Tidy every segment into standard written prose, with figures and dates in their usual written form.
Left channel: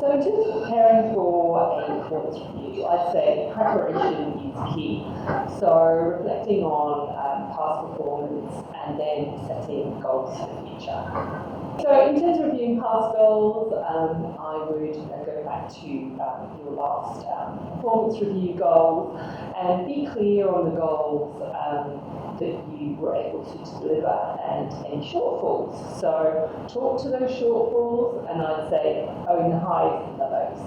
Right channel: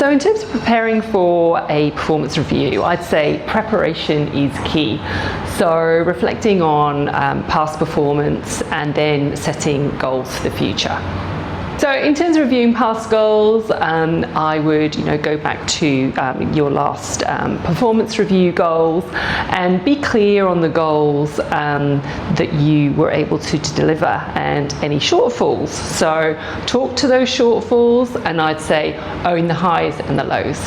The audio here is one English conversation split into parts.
So in terms of preparing for a performance review, I'd say preparation is key. So reflecting on past performance and then setting goals for the future. So in terms of reviewing past goals, I would go back to your last performance review goals and be clear on the goals that you were able to deliver and any shortfalls. So talk to those shortfalls, and I'd say own the highs and the lows.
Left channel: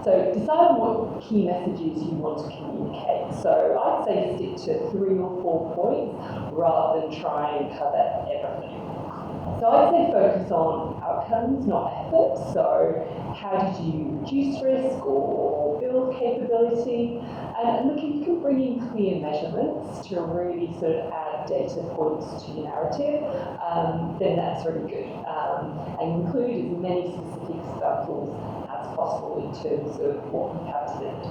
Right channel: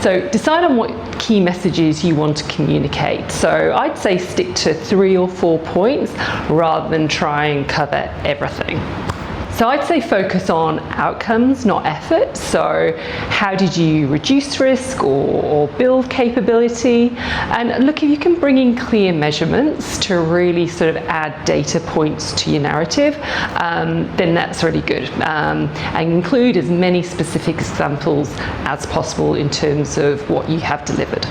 So decide on what key messages you want to communicate. So I'd say stick to 3 or 4 points rather than try and cover everything. So I'd say focus on outcomes, not effort. So how did you reduce risk or build capability? And look, if you can bring in clear measurements to really sort of add data points to your narrative, then that's really good. And include as many specific examples as possible in terms of what you have delivered.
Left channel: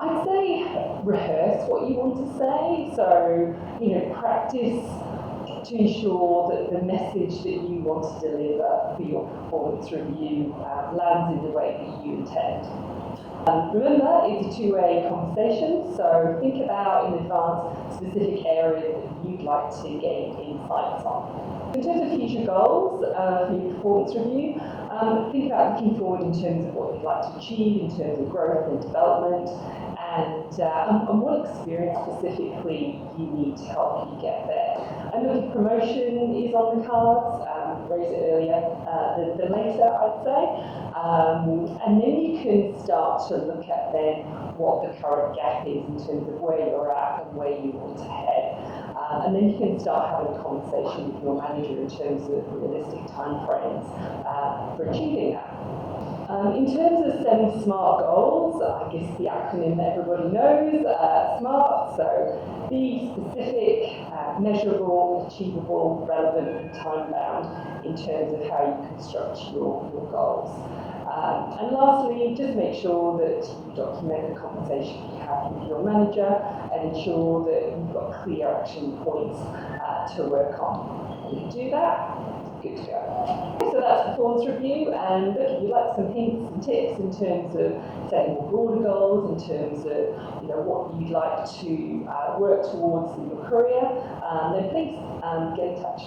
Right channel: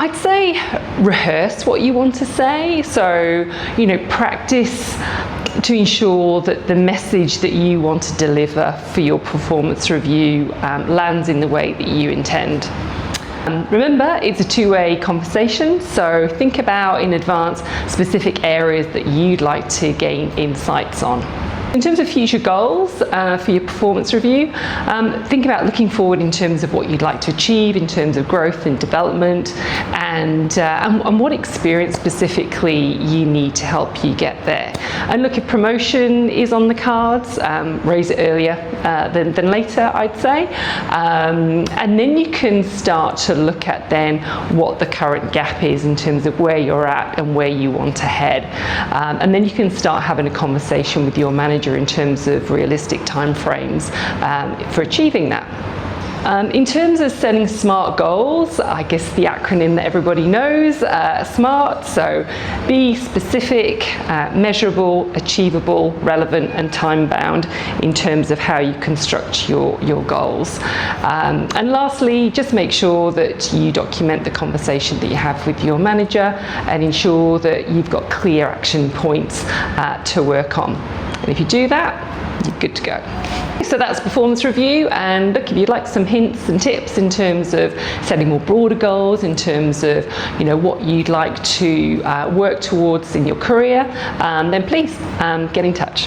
I'd say rehearse what you want to say. So, practice to ensure that the message that you want to deliver for your performance review lands in the way that you intend. Remember, it's a two-way conversation, so think about in advance specific areas that you'd like to gain insights on. In terms of future goals for your performance review, think about looking forward in terms of what you'd like to achieve in terms of growth and development, and what experience specifically you need to help you get there. And look, if promotion is on the cards, raise it earlier than later, I'd say. And then you can start to look at then what the current gap is in terms of where you're at and where you want to head. And then you can start having a conversation with your manager in terms of realistic timeframes for achieving that. In terms of setting SMART goals, I guess the acronym that everybody knows, SMART, so be specific, measurable, achievable, relevant and time-bound in terms of how you construct your goals. And lastly, just make sure that you document the conversation that you have with your manager and ensure that you've got clear action points to work on. And if you do that, you're good to go. So that's performance review, and look, if you'd like some hints and tips in terms of setting more broader goals, in terms of what you'd like to work towards in your career, then please get in touch.